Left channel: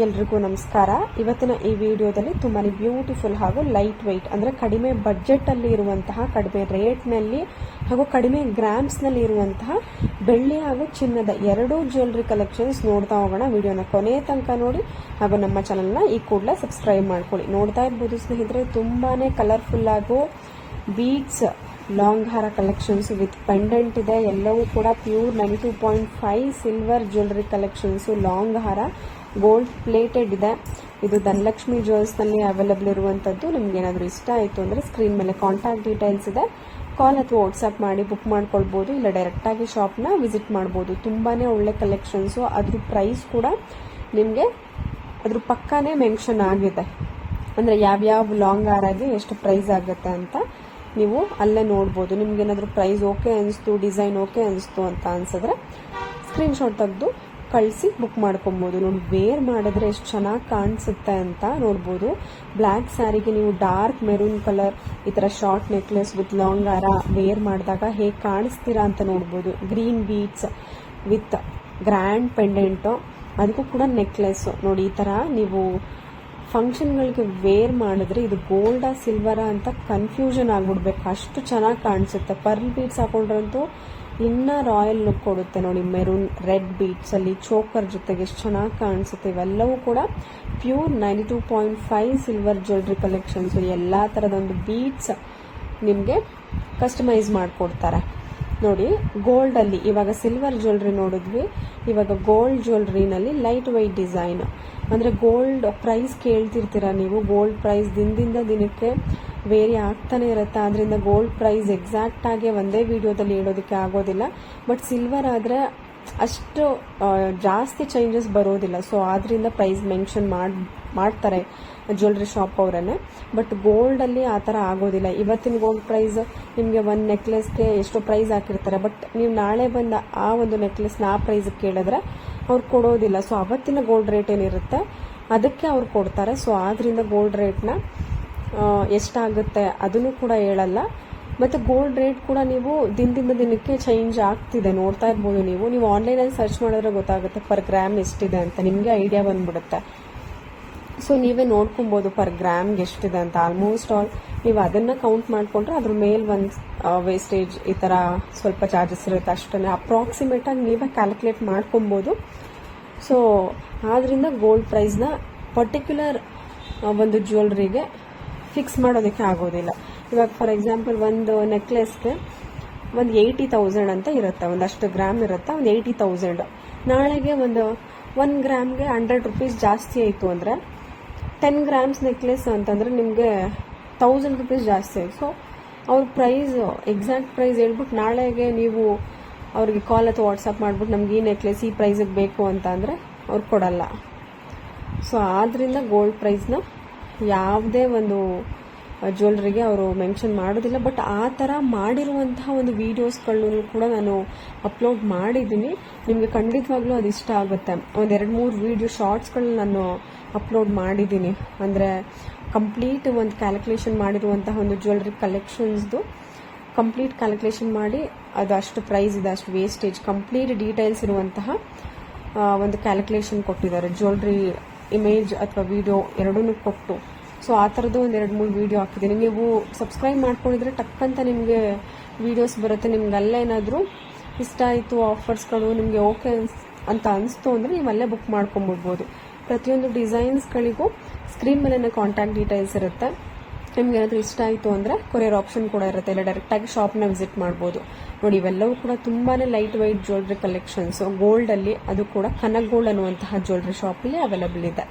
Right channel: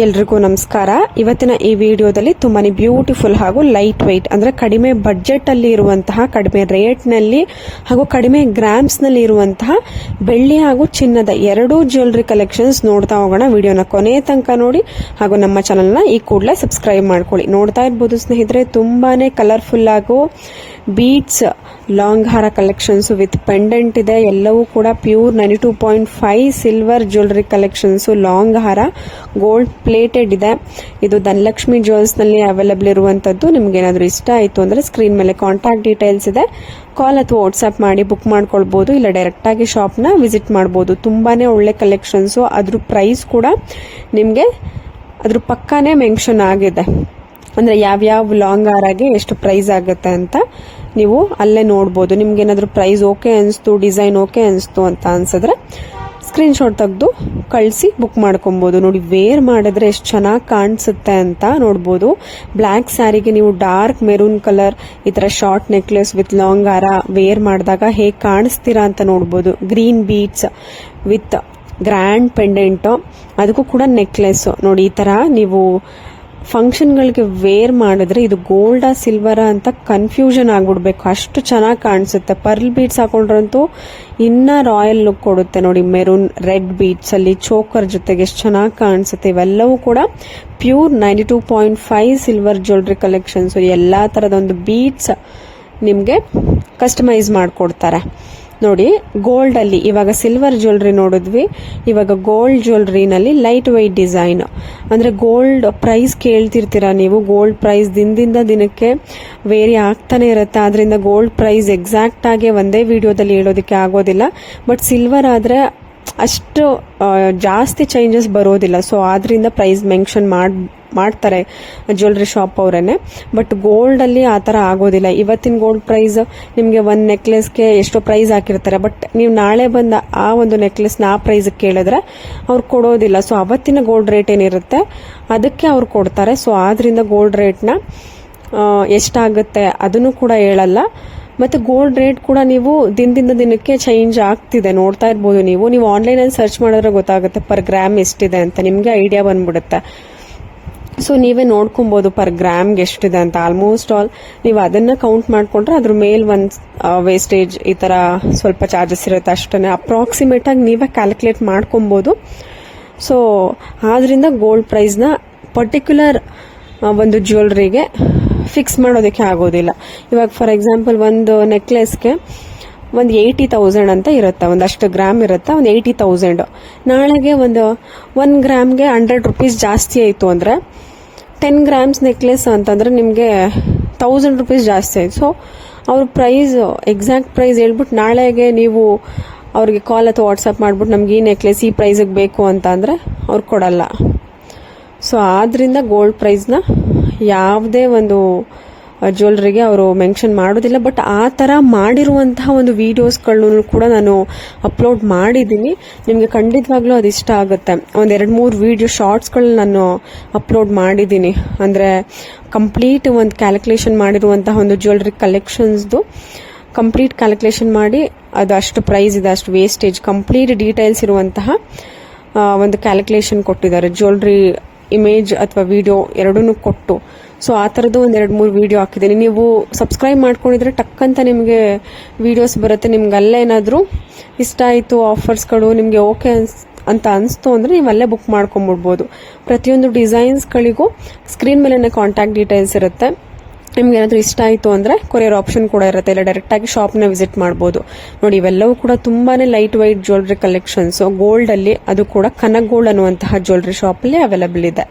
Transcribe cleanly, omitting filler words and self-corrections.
ಎಲ್ರಿಗೂ ನಮಸ್ಕಾರ. ಇವತ್ತಿನ ಈ ವಿಡಿಯೋದಲ್ಲಿ ತುಂಬಾನೇ ಬ್ಯೂಟಿಫುಲ್ ಹಾಗೂ ಲೈಟ್ ವೆಯ್ಟ್ ಅಂದ್ರೆ ಕಡಿಮೆ ಬಡ್ಜೆಟ್ ಅಲ್ಲಿ ಇರುವಂತಹ, ಕಡಿಮೆ ರೇಟ್ ನಲ್ಲಿ ಹಾಗೂ ಕಡಿಮೆ ಗ್ರಾಮ್ಸ್ ನಲ್ಲಿ ಇರುವಂತಹ ಬೆಳ್ಳಿ ಹಾಗೂ ಚಿನ್ನದ ಎರಡೂ ಜ್ಯುವೆಲರಿ ಕಲೆಕ್ಷನ್ಸ್ ನೋಡ್ತಾ ಹೋಗೋಣ. ವಿಡಿಯೋನ ಕೊನೆ ತನಕ ನೋಡಿ ಹಾಗೂ ನಮ್ಮ ಚಾನೆಲ್ ನ ಈ ಕೂಡಲೇ ಸಬ್ಸ್ಕ್ರೈಬ್ ಮಾಡ್ಕೊಳ್ಳಿ. ನೋಡ್ತಾ ಇರಬಹುದು ಸ್ನೇಹಿತರೆ, ತುಂಬಾನೇ ಕಲರ್ಫುಲ್ ಹಾಗೂ ಬೀಡ್ಸ್ ಲಾಂಗ್ ಹಾರ ಕಲೆಕ್ಷನ್ಸ್ ವಿತ್ ಪೆಂಡೆಂಟ್ ಇದೆ. ಎಲ್ಲವೂ ಕೂಡ pure 92.5 silver jewellery collections. Long ಹಾರ ಗೋಲ್ಡ್ ಪ್ಲೇಟೆಡ್ ಇದೆ. ಇದು ಧನಲಕ್ಷ್ಮಿ ಜ್ಯುವೆಲ್ಸ್ ನಲ್ಲಿ ಅವೈಲೇಬಲ್ ಇರುವಂತದ್ದು. ನಿಮ್ಗೆ ಏನಾದರೂ ಇಷ್ಟ ಆಯಿತು ಅಂದ್ರೆ ಸ್ಕ್ರೀನ್ ಮೇಲೆ ಕಾಂಟ್ಯಾಕ್ಟ್ ಡೀಟೇಲ್ಸ್ ಇದೆ, ಕಾಲ್ ಅಥವಾ ವಾಟ್ಸ್ಆಪ್ ಮಾಡಿ ಬುಕ್ ಮಾಡ್ಕೊಳ್ಬಹುದು, ಇಲ್ಲ ಡೈರೆಕ್ಟ್ ಆಗಿ ಶಾಪ್ ನ ವಿಸಿಟ್ ಮಾಡಬಹುದು. ತುಂಬಾನೇ ಒಳ್ಳೆ ಕಲೆಕ್ಷನ್ಸ್. ಅದ್ರ ಪ್ರೈಸ್ ಕೂಡ ನಿಮ್ಗೆ ಅದ್ರ ಪಕ್ಕಾನೇ ಮೆನ್ಷನ್ ಆಗಿದೆ, ಅಂದ್ರೆ ಯಾವ್ಯಾವ ಲಾಂಗ್ ಹಾರಾಗೆ ಎಷ್ಟು ಪ್ರೈಸ್ ಆಗುತ್ತೆ ಅಂತ ನೀವು ಅಲ್ಲೇ ನೋಡ್ಬೋದು. ನಿಮ್ಗೆ ಏನಾದರೂ ಪ್ರೈಸ್ ಓಕೆ ಅನಿಸ್ತು, ಡಿಸೈನ್ ಓಕೆ ಅನಿಸ್ತು ಅಂತ ಅನ್ಸಿದ್ರೆ ಸ್ಕ್ರೀನ್ ಶಾಟ್ ತೆಗೆದು ಕಳಿಸಿ ಬುಕ್ ಮಾಡ್ಕೊಬೋದು. ನೋಡಿ, ವೇರ್ ಮಾಡಿದ್ರೆ ಎಷ್ಟು ಚೆನ್ನಾಗಿ ಕಾಣಿಸುತ್ತೆ ಅಂತ ನೋಡ್ಬೋದು. ಬ್ಲ್ಯಾಕ್ ಸ್ಯಾರಿಗೆ ನೀವು ಡಾರ್ಕ್ ಮೆರೂನ್ ಕಲರ್ ಈ ತರ ಶಾರ್ಟ್ ನೆಕ್ಲೆಸ್ ವಿತ್ ಲಾಂಗ್ ಹಾರ ವೇರ್ ಮಾಡಿದಾಗ ಹೇಗೆ ಕಾಣಿಸ್ತೀರಾ ಅಂತ ನೋಡ್ಬೋದು. Green beads with grand pendant, ಅದಕ್ಕೂ ಕೂಡ ನೆಕ್ಲೆಸ್ ನೋಡಿ. ಈ ತರ ನೀವು ಫಂಕ್ಷನ್ಗಳಿಗೆ ವೇರ್ ಮಾಡಿದ್ರೆ ಇದು ಗೋಲ್ಡಾ ಸಿಲ್ವರಾ ಅಂತ ಕನ್ಫ್ಯೂಷನ್ ಆಗ್ಬಿಡ್ಬೇಕು, ಅಷ್ಟು ಚೆನ್ನಾಗಿ ಕಾಣಿಸುತ್ತೆ. ಪರ್ಲ್ ಬೀಡ್ಸ್ ಹಾಕೊಂಡ್ರಂತೂ ಇನ್ನ ರಾಯಲ್ ಲುಕ್ ಕೊಡುತ್ತೆ ನೋಡಿ. ಮೆರೂನ್ ರೆಡ್ ಬೀಡ್ಸ್ ಅಲ್ಲಿ ಚೋಕರ್ ಜೊತೆಗೆ ಎಷ್ಟು ಚೆನ್ನಾಗಿ ಕಾಣಿಸುತ್ತೆ. ಇವೆಲ್ಲವೂ ಕೂಡ ಪ್ಯೂರ್ 92.5 ಸಿಲ್ವರ್ ಜ್ಯುವೆಲರಿ ಕಲೆಕ್ಷನ್ಸ್. ಎಲ್ಲಾ ತರದ ಒಂದು ಬೀಡ್ಸ್ ನಿಮ್ಗೆ ಕಸ್ಟಮೈಸ್ ಮಾಡ್ಕೊಡ್ತಾರೆ ನೋಡಿ. ಗೋಲ್ಡ್ ಅಲ್ಲಿ ಇವಾಗ ಸಿಲ್ವರ್ ಜ್ಯುವೆಲರಿ ನೋಡಿದ್ವಿ, ಇವಾಗ ಗೋಲ್ಡ್ ಜ್ಯುವೆಲರಿನಲ್ಲಿ ಲೈಟ್ ವೈಟ್ ಡಿಸೈನ್. ಅಂದ್ರೆ ಗೋಲ್ಡ್ ಪ್ರೈಸ್ ಕೇಳ್ತಿರ್ತೀರಾ ನೀವು. ಗೋಲ್ಡ್ ಪ್ರೈಸ್ ದಿನದಿಂದ ದಿನಕ್ಕೆ ವೇರಿ ಆಗ್ತಾನೆ ಇರುತ್ತೆ. ಆದ್ರಿಂದ ಗೋಲ್ಡ್ ಪ್ರೈಸ್ ಎಕ್ಸಾಕ್ಟ್ ಆಗಿ ಒಂದೇ ವಿಡಿಯೋದಲ್ಲಿ ಹೇಳೋದಕ್ಕೆ ಆಗೋದಿಲ್ಲ. ಬಟ್ ಸಿಲ್ವರ್ ಆದ್ರೆ ಅಷ್ಟು ಜಾಸ್ತಿ ಚೇಂಜಸ್ ಬರೋದಿಲ್ಲ. ಸೊ ಆದ್ರಿಂದ ಪ್ರೈಸ್ ಮೆನ್ಷನ್ ಮಾಡ್ತಾರೆ ಜ್ಯುವೆಲರಿ ಶಾಪ್ ಅವರೇನೆ. ಬಟ್ ಗೋಲ್ಡ್ ಅಲ್ಲಿ ಆ ತರ ಆಗೋದಿಲ್ಲ. ಇವತ್ತಿನ ಗೋಲ್ಡ್ ಪ್ರೈಸ್ ನಿಮ್ಗೆ ಒಂದ್ ನೆಕ್ಲೆಸ್ಗೆ ಎಷ್ಟೋ ಪ್ರೈಸ್ ಹಾಕಿರ್ತಾರೆ, ಬಟ್ ನೀವು ನಾಳೆ ಬಂದ ಆ ಒಂದು ನೆಕ್ಲೆಸ್ ಆ ಪ್ರೈಸ್ ಕೇಳಿದ್ರೆ ಅವ್ರು ಕೊಡೋದಿಲ್ಲ. ಸೊ ಅವತ್ತಿನ ಗೋಲ್ಡ್ ರೇಟ್ ಏನಿರುತ್ತೆ ಅದಕ್ಕೆ ಅವ್ರು ಕೊಡ್ತಾರೆ. ಸೊ ಆದ್ರಿಂದ ಗೋಲ್ಡ್ ರೇಟ್ನ ಎಷ್ಟಾಗುತ್ತೆ ಅದನ್ನು ಕೂಡ ಹೇಳಲ್ಲ. ಮತ್ತೆ ಗೋಲ್ಡ್ ರೇಟ್ ಕೂಡ ನೀವು ದಿನದಿಂದ ದಿನಕ್ಕೆ ಚೇಂಜ್ ಆಗ್ತಿದೆ, ನೋಡ್ತಾ ಇರ್ಬೋದು ನೀವು. ನೀವು ಆನ್ಲೈನ್ ಅಲ್ಲಿ ಸರ್ಚ್ ಮಾಡಿದ್ರೆ ಗೊತ್ತಾಗುತ್ತೆ ಪರ್ ಗ್ರಾಮ್ ಎಷ್ಟಿದೆ ಅಂತ, ನಿಮ್ಗೆ ಐಡಿಯಾ ಬಂದ್ಬಿಡುತ್ತೆ. ಸೊ ನೀವೇ ನೋಡ್ಕೊಬಹುದು ಪರ್ ಗ್ರಾಮ್ಗೆ ಎಷ್ಟಿದೆ ಅಂತ. ಆಲ್ಮೋಸ್ಟ್ ಆಲ್ ನೀವು ಅದನ್ನ ಕೌಂಟ್ ಮಾಡ್ಕೊಂಡ್ರೆ ಅದ್ರ ಮೇಲ್ ಒಂದ್ ವೇಸ್ಟೇಜ್ ಈ ತರ ಸ್ವಲ್ಪ ಚಾರ್ಜಸ್ ಇರುತ್ತೆ ಅಷ್ಟೇ. ಅಪ್ರಾಕ್ಸಿಮೇಟ್ ಆಗಿ ನೀವೇ ಕ್ಯಾಲ್ಕುಲೇಟ್ ಮಾಡ್ಕೊಬಹುದು. ಸೊ ಆದ್ರಿಂದ ಗೋಲ್ಡ್ ಪ್ರೈಸ್ ನ ಪರ್ಟಿಕ್ಯುಲರ್ ಒಂದು ಜ್ಯುವೆಲರಿಗೆ ಫಿಕ್ಸ್ ಮಾಡೋದಕ್ಕೆ ಆಗೋದಿಲ್ಲ. ಇವಾಗ ಫಾರ್ ಎಕ್ಸಾಂಪಲ್ ಒಂದು ನೆಕ್ಲೆಸ್ಗೆ ಒಂದು 80,000 ಅಂತ ಇರುತ್ತೆ, ಒಂದಷ್ಟು ಗ್ರಾಮ್ ಇರುತ್ತೆ, ಒಂದು 80,000. ನಾಳೆಗೆ ಒಂದು 1 ಗ್ರಾಮ್ಗೆ 100 ರೂಪೀಸ್ ಜಾಸ್ತಿ ಆಯಿತು ಅಂದರೆ 10 ಗ್ರಾಮ್ಸ್ ನೆಕ್ಲೆಸ್ ಅಂತಂದ್ರೆ ನಿಮಗೆ 1000 ರೂಪೀಸ್ ಜಾಸ್ತಿ ಆಯ್ತು. ಸೊ ಅವ್ರ ಪ್ರೈಸ್ ಎಕ್ಸಾಕ್ಟ್ ಪ್ರೈಸ್ ಹೇಳ್ಬಿಟ್ಟು ನಾಳೆಗೆ ನೀವು ಅವ್ರಿಗೆ ಕಾಲ್ ಅಥವಾ ವಾಟ್ಸಪ್ ಮಾಡ್ಬಿಟ್ಟು ನಮ್ಗೆ ಈ ನೆಕ್ಲೆಸ್ ಈ ಪ್ರೈಸಿಗೆ ಬೇಕು ಅಂತ ಅಂದರೆ ಅವ್ರು ಕೊಡಲ್ಲ. ಸೊ ಆದ್ರಿಂದ ಗೋಲ್ಡ್ ಪ್ರೈಸ್ನ ಯಾವುದೇ ಒಂದು ಜ್ಯುವೆಲರಿಗೆ ಅವರು ಮೆನ್ಷನ್ ಮಾಡೋದಿಲ್ಲ. ಬಟ್ ಆ ಥರ ಮಾಡಿರುವಂತಹ ಒಂದು ವಿಡಿಯೋಸ್ಗಳನ್ನು ಕೂಡ ನಾನು ಅಪ್ಲೋಡ್ ಮಾಡಿದ್ದೀನಿ. ನಿಮಗೆ ಖಂಡಿತವಾಗ್ಲೂ ಅದು ಇಷ್ಟ ಆಗುತ್ತೆ. ಒಂದು 2-3 ವಿಡಿಯೋ ಶಾರ್ಟ್ಸ್ಗಳನ್ನ ನಾನು ಅಪ್ಲೋಡ್ ಮಾಡಿದ್ದೀನಿ. ಅಂದರೆ ಕಂಪ್ಲೀಟ್ ಒಂದು ಕ್ಯಾಲ್ಕುಲೇಷನ್ ಮಾಡಿರುವಂತಹ ಒಂದು ಜ್ಯುವೆಲರಿ ಕಲೆಕ್ಷನ್ಸ್ದು ಕಂಪ್ಲೀಟ್ ಕ್ಯಾಲ್ಕುಲೇಷನ್ ಮಾಡಿ ಅದು ಅಷ್ಟು ಪ್ರೈಸ್ ಇದೆ, ಅಷ್ಟು ವೇಸ್ಟೇಜ್, ಕಂಪ್ಲೀಟ್ ಡೀಟೇಲ್ಸ್ ಇರುವಂತಹ ಒಂದು ಕ್ಯಾಲ್ಕುಲೇಷನ್ ಕೊಟ್ಟಿದ್ದಾರೆ. ಜ್ಯುವೆಲರಿ ಇಮೇಜ್ ಅಥವಾ ವಿಡಿಯೋ ಎರಡನ್ನೂ ಕೊಟ್ಟು. ಸೊ ಆ ಥರದ್ದು ಒಂದು 2-3 ವಿಡಿಯೋ ಹಾಕಿದ್ದೀನಿ. ನೀವು ಸಬ್ಸ್ಕ್ರೈಬ್ ಮಾಡ್ಕೊಂಡಿದ್ರೆ ಟಕ್ಕಂತ ನಿಮಗೆ ವಿಡಿಯೋಸ್ ಬರುತ್ತೆ. ನಿಮ್ಗೆ ಅಲ್ಲೇನಾದರೂ ಇಷ್ಟ ಆಯಿತು, ಆಫರ್ಸ್ಗಳು ನಿಮಗೆ ಓಕೆ ಅಂತ ಅನಿಸ್ತು ಅಂದರೆ ನೀವು ಅಲ್ಲೇ ಬುಕ್ ಮಾಡ್ಕೊಂಬಿಡ್ಬೋದು. ಪ್ರತಿಯೊಂದು ಡಿಸೈನ್ಸ್ಗಳಿಗೂ ಸ್ಕ್ರೀನ್ ಮೇಲೆ ಕಾಂಟ್ಯಾಕ್ಟ್ ಡೀಟೇಲ್ಸ್ ಇರುತ್ತೆ. ನಿಮ್ಗೆ ಏನಾದರೂ ಇಷ್ಟ ಆಯಿತು ಅಂದರೆ ಕೊರಿಯರ್ ಆಪ್ಷನ್ ಕೂಡ ಇರುತ್ತೆ, ಇಲ್ಲ ಡೈರೆಕ್ಟ್ ಆಗಿ ಶಾಪ್ನ ವಿಸಿಟ್ ಮಾಡ್ಬೋದು. ನೋಡಿ, ಇವೆಲ್ಲವೂ ಕೂಡ ತುಂಬಾನೇ light white jewellery collections gold ಅಲ್ಲಿ. ಅದು ಕೂಡ ಕನಕ್ ಗೋಲ್ಡ್ ಅನ್ನುವಂತಹ ಜ್ಯುವೆಲರಿ ಶಾಪ್ ಅಲ್ಲಿ ಅವೈಲೇಬಲ್ ಇದೆ.